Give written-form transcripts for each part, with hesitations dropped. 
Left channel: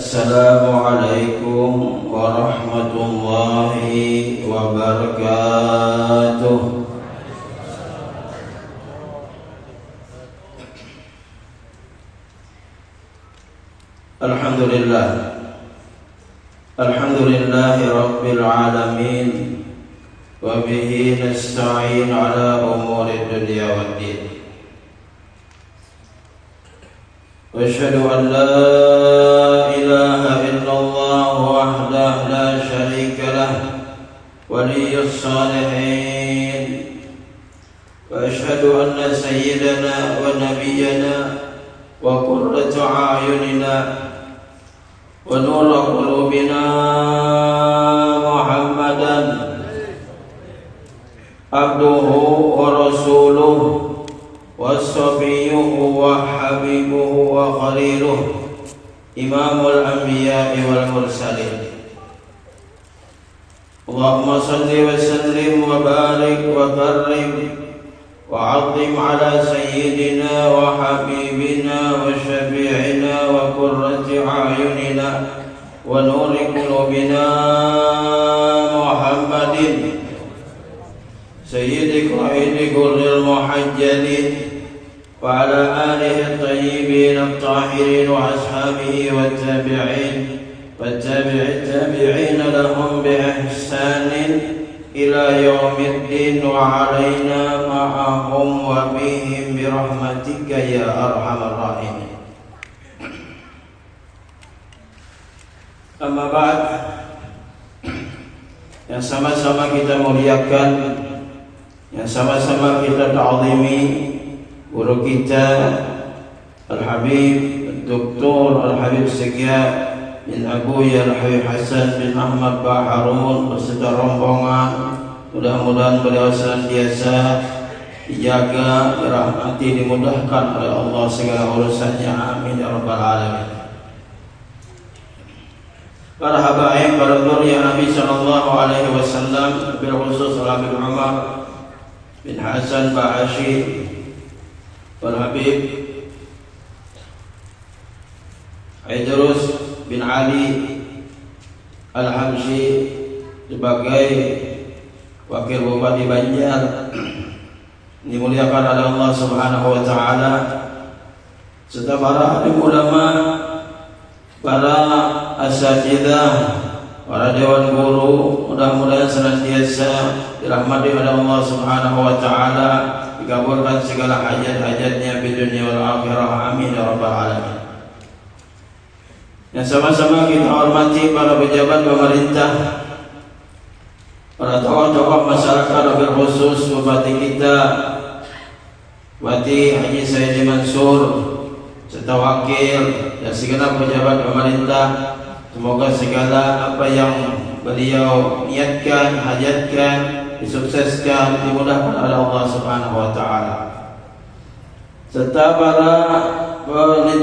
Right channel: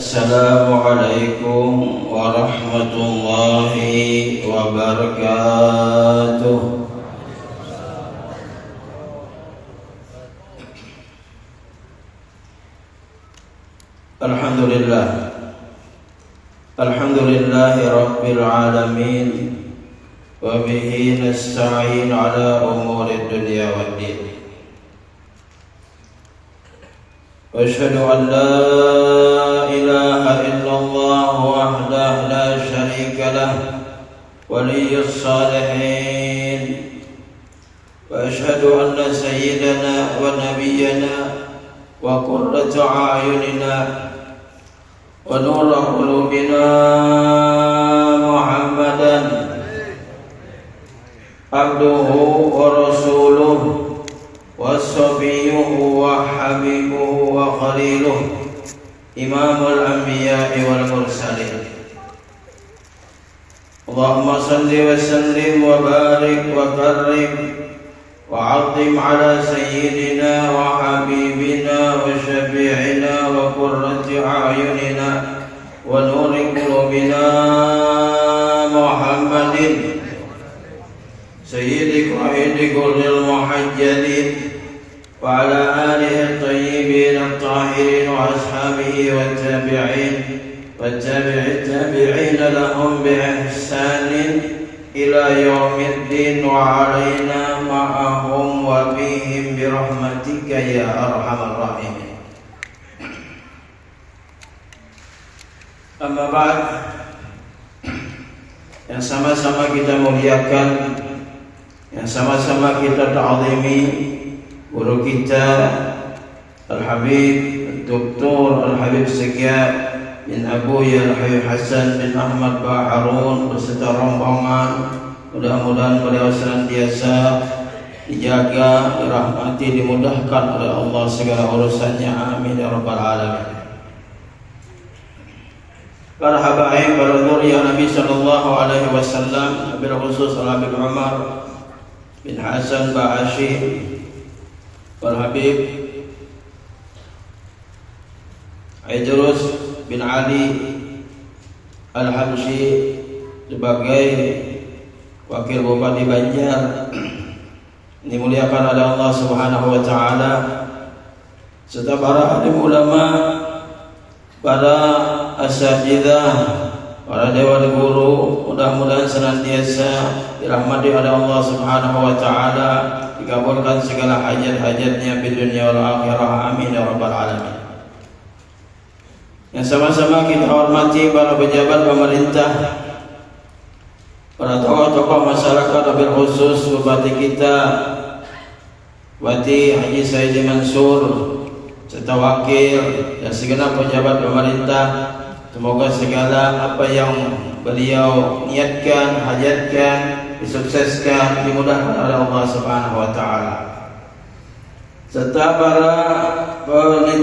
Assalamualaikum warahmatullahi wabarakatuh. Alhamdulillah. Alhamdulillahi rabbil alamin. Wa bihi nasta'in ala umuri dunya waddin. Wa asyhadu an la ilaha illallah wahdahu la syarika lah waliyyus salihin. Wa asyhadu anna sayyidana wa nabiyyana wa qurrata a'yunina wa nura qulubina Muhammadan abduhu wa rasuluhu wa safiyuhu wa habibuhu wa khaliluhu imamul anbiya'i wal mursalin. Allahumma salli wa sallim wa barik wa karrim wa 'azzim ala sayyidina wa habibina wa syafi'ina wa qurrati a'yunina wa nuri qulubina Muhammadin sayyidi qaidi qurril muhajjalin wa ala alihi at-tayyibin at-tahirin wa ashabihi wa tabi'in wa tabi'in lahum bi ihsanin ila yaumiddin wa alaina ma'ahum wa bihim bi rahmatika ya arhamar rahimin. Amma ba'd, yang sama-sama kita muliakan, yang sama-sama kita ta'zimi guru kita Al-Habib Dr. Al-Habib Syekh bin Abu Al-Habib Hasan bin Ahmad Baharun beserta rombongan. Mudah-mudahan beliau senantiasa dijaga, dirahmati, dimudahkan oleh Allah segala urusannya. Amin ya rabbal alamin. Para habaib, para dzurriyyah Nabi sallallahu alaihi wasallam, bil khusus Habib Umar bin Hasan Ba'ashi wal Habib Idrus bin Ali Al-Habsyi sebagai wakil bupati Banjar dimuliakan oleh Allah Subhanahu wa taala, serta para alim ulama, para asatidzah, para dewan guru, mudah-mudahan senantiasa dirahmati oleh Allah Subhanahu wa taala, dikabulkan segala hajat-hajatnya di dunia wal akhirah. Amin ya rabbal alamin. Yang sama-sama kita hormati para pejabat pemerintah, para tokoh-tokoh masyarakat, wabil khusus bupati kita Bupati Haji Saidi Mansur serta wakil dan segenap pejabat pemerintah. Semoga segala apa yang beliau niatkan, hajatkan, disukseskan, dimudahkan oleh Allah Subhanahu wa taala. Serta para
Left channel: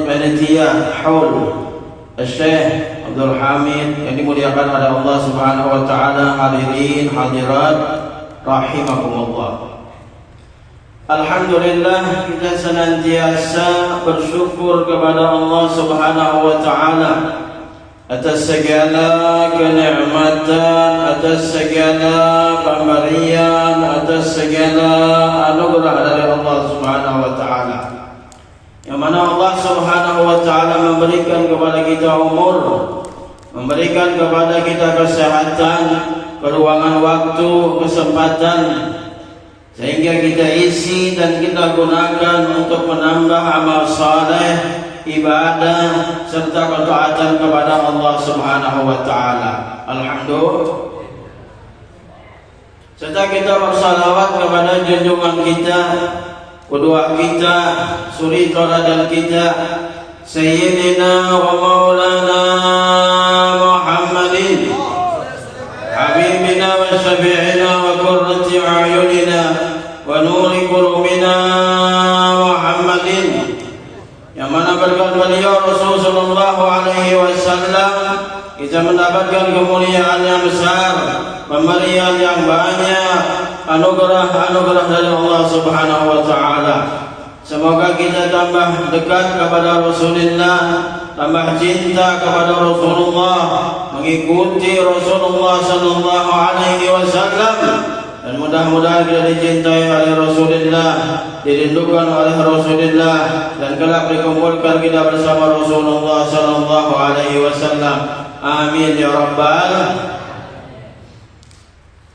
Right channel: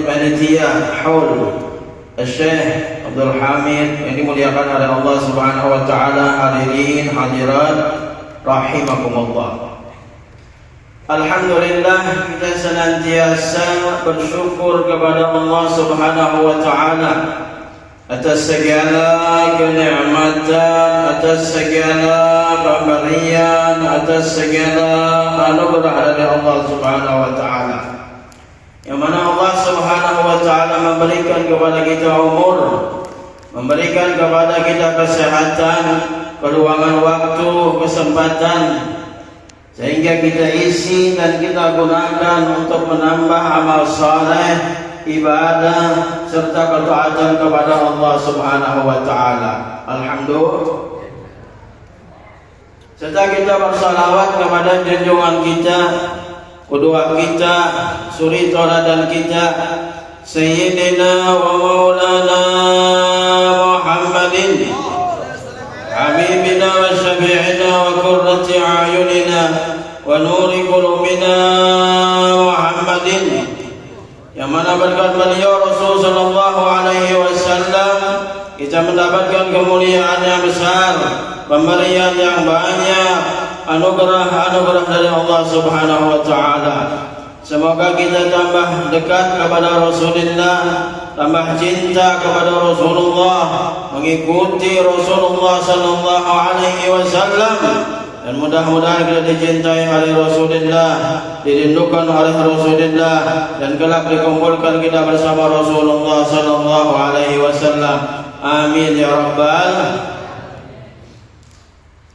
panitia haul Syekh Abdul Hamid yang dimuliakan oleh Allah Subhanahu wa taala, hadirin hadirat rahimakumullah. Alhamdulillah, kita senantiasa bersyukur kepada Allah Subhanahu wa taala atas segala kenikmatan, atas segala pemberian, atas segala anugerah dari Allah Subhanahu wa taala, yang mana Allah Subhanahu wa taala memberikan kepada kita umur, memberikan kepada kita kesehatan, keluangan waktu, kesempatan, sehingga kita isi dan kita gunakan untuk menambah amal saleh, ibadah serta ketaatan kepada Allah Subhanahu wa taala. Alhamdulillah. Serta kita bersalawat kepada junjungan kita, qudwah kita, suri tauladan kita, Sayyidina wa Maulana Muhammadin, Habibina wa Syafi'ina wa qurrati a'yunina wa nuri qulubina Muhammadin, yang mana berkat beliau Rasul sallallahu alaihi wasallam kita mendapatkan kemuliaan yang besar, pemberian yang banyak, anugerah-anugerah dari Allah Subhanahu wa taala. Semoga kita tambah dekat kepada Rasulullah, tambah cinta kepada Rasulullah, mengikuti Rasulullah sallallahu alaihi wasallam, dan mudah-mudahan kita dicintai oleh Rasulullah, dirindukan oleh Rasulullah, dan kelak dikumpulkan kita bersama Rasulullah sallallahu alaihi wasallam. Amin ya rabbal.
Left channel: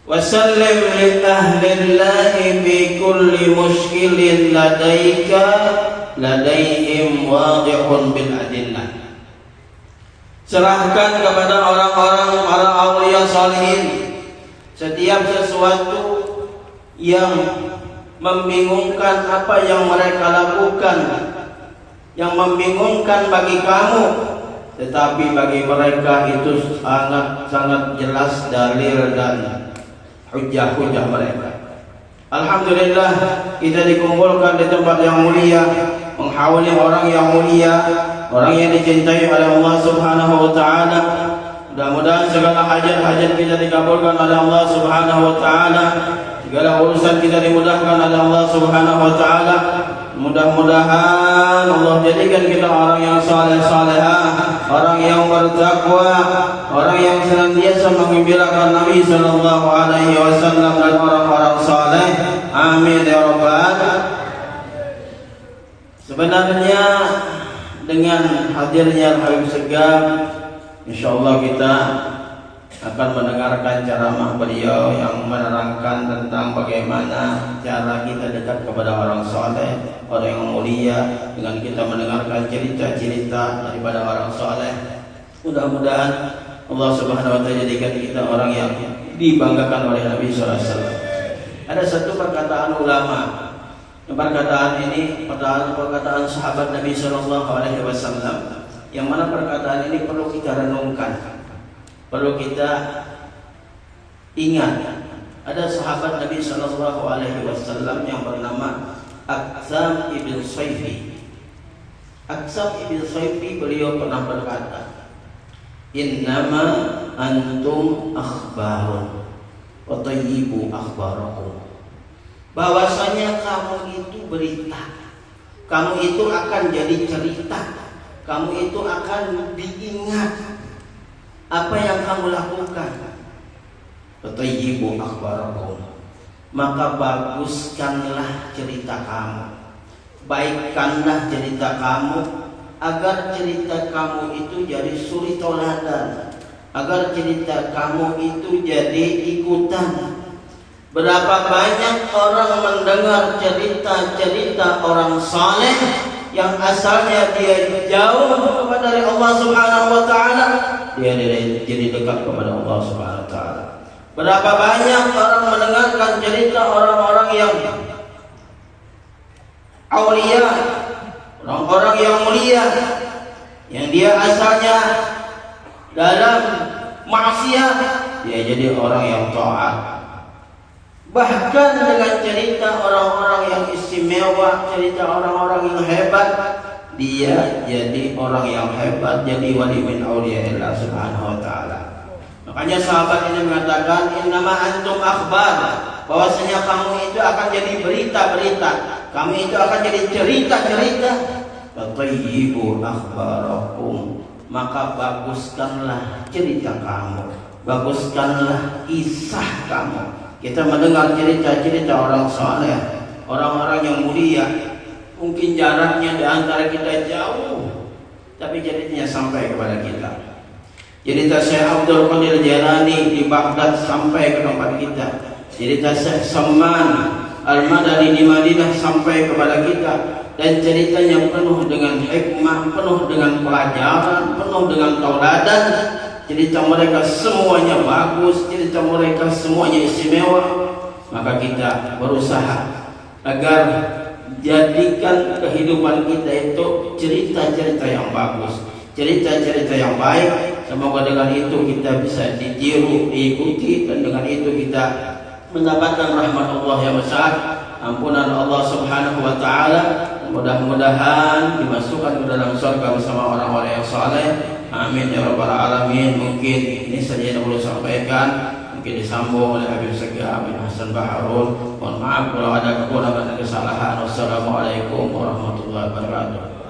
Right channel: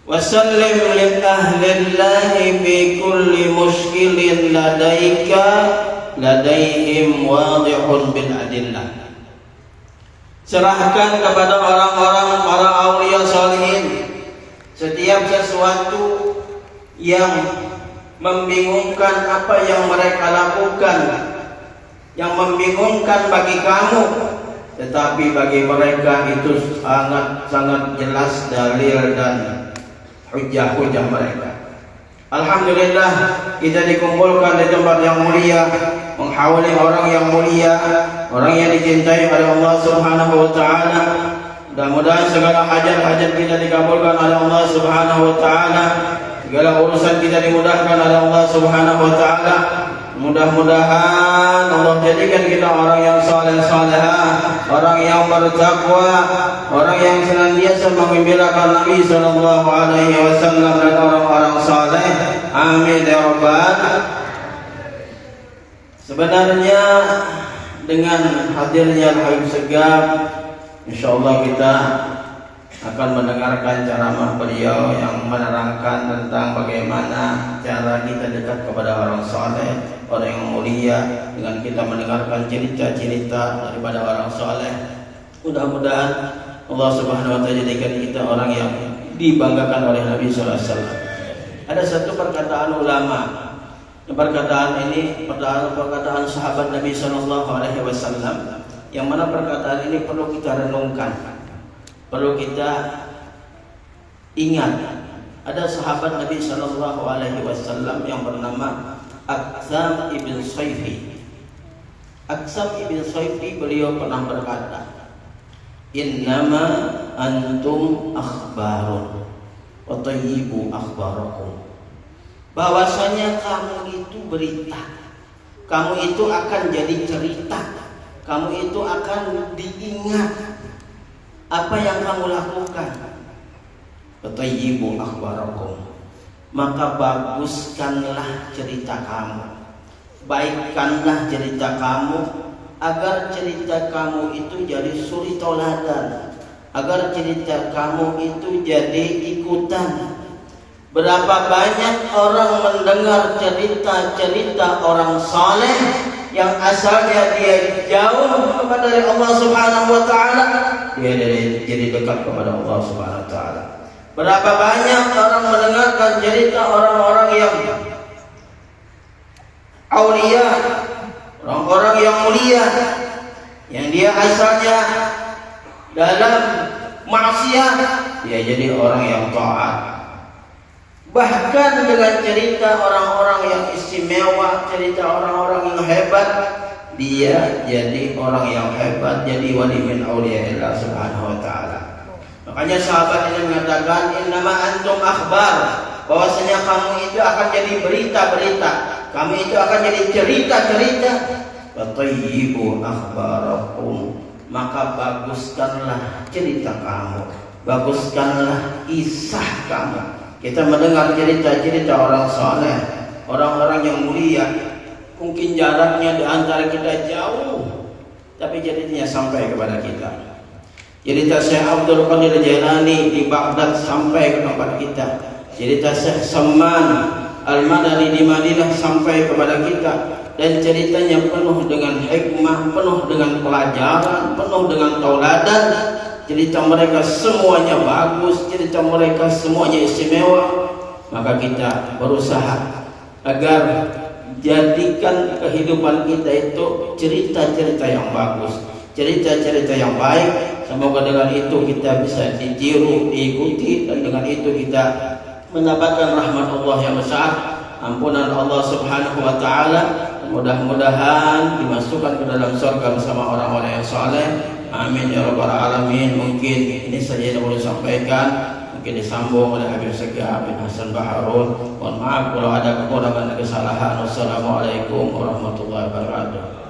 Wasallim li ahlillahi bi kulli mushkilin ladaihim wadihun bil adillah. Serahkan kepada orang-orang aulia salihin setiap sesuatu yang membingungkan apa yang mereka lakukan, yang membingungkan bagi kamu, tetapi bagi mereka itu sangat jelas dalil dan hujah-hujah mereka. Alhamdulillah kita dikumpulkan di tempat yang mulia, menghawali orang yang mulia, orang yang dicintai oleh Allah Subhanahu wa taala. Mudah-mudahan segala hajat-hajat kita dikabulkan oleh Allah Subhanahu wa taala, segala urusan kita dimudahkan oleh Allah Subhanahu wa taala. Mudah-mudahan Allah jadikan kita orang yang saleh-salehah, orang yang bertakwa, orang yang senantiasa mengembirakan Nabi sallallahu alaihi wasallam dan orang-orang saleh. Amin ya rabbal. Sebenarnya dengan hadirnya Habib Segaf, insyaallah kita akan mendengarkan ceramah beliau yang menerangkan tentang bagaimana cara kita dekat kepada orang saleh, orang yang mulia, dengan kita mendengarkan cerita-cerita daripada orang saleh. Mudah-mudahan Allah Subhanahu wa taala jadikan kita orang yang dibanggakan oleh Nabi sallallahu alaihi wasallam. Ada satu perkataan ulama. Perkataan ini perkataan sahabat Nabi sallallahu alaihi wasallam, yang mana perkataan ini perlu kita renungkan, perlu kita ingat. Ada sahabat Nabi sallallahu alaihi wasallam yang bernama Aqsam ibn Sayfi. Aqsam ibn Sayfi beliau pernah berkata, "Innama antum akhbarun wa tayyibu akhbarakum." Bahwasanya kamu itu berita, kamu itu akan jadi cerita, kamu itu akan diingat apa yang kamu lakukan. Tayyibu akhbarakum, maka baguskanlah cerita kamu, baikkanlah cerita kamu, agar cerita kamu itu jadi suri tauladan, agar cerita kamu itu jadi ikutan. Berapa banyak orang mendengar cerita-cerita orang saleh yang asalnya dia jauh dari Allah Subhanahu wa taala, dia jadi dekat kepada Allah Subhanahu wa taala. Berapa banyak orang mendengarkan cerita orang-orang yang aulia, orang-orang yang mulia, yang dia asalnya dalam maksiat, dia jadi orang yang taat. Bahkan dengan cerita orang-orang yang istimewa, cerita orang-orang yang hebat, dia jadi orang yang hebat, jadi wali min auliyaillah Subhanahu wa taala. Makanya sahabat ini mengatakan, "Innama antum akhbar," bahwasanya kamu itu akan jadi berita-berita, kamu itu akan jadi cerita-cerita. Wa tayyibu akhbarakum, maka baguskanlah cerita kamu, baguskanlah kisah kamu. Kita mendengar cerita-cerita orang saleh, orang-orang yang mulia, mungkin jaraknya di antara kita jauh, tapi ceritanya sampai kepada kita. Cerita Syekh Abdul Qadir Jailani di Baghdad sampai kepada kita. Cerita Syekh Salman Al-Madani di Madinah sampai kepada kita. Dan ceritanya penuh dengan hikmah, penuh dengan pelajaran, penuh dengan tauladan. Cerita mereka semuanya bagus, cerita mereka semuanya istimewa. Maka kita berusaha agar jadikan kehidupan kita itu cerita-cerita yang bagus, cerita-cerita yang baik. Semoga dengan itu kita bisa ditiru, diikuti, dan dengan itu kita mendapatkan rahmat Allah yang besar, ampunan Allah Subhanahu wa taala. Mudah-mudahan dimasukkan ke dalam surga bersama orang-orang yang saleh. Amin ya rabbal alamin. Mungkin ini saja yang boleh sampaikan, mungkin disambung oleh Habib Segaf bin Hasan Baharun. Mohon maaf kalau ada kekurangan dan kesalahan. Wassalamualaikum warahmatullahi wabarakatuh.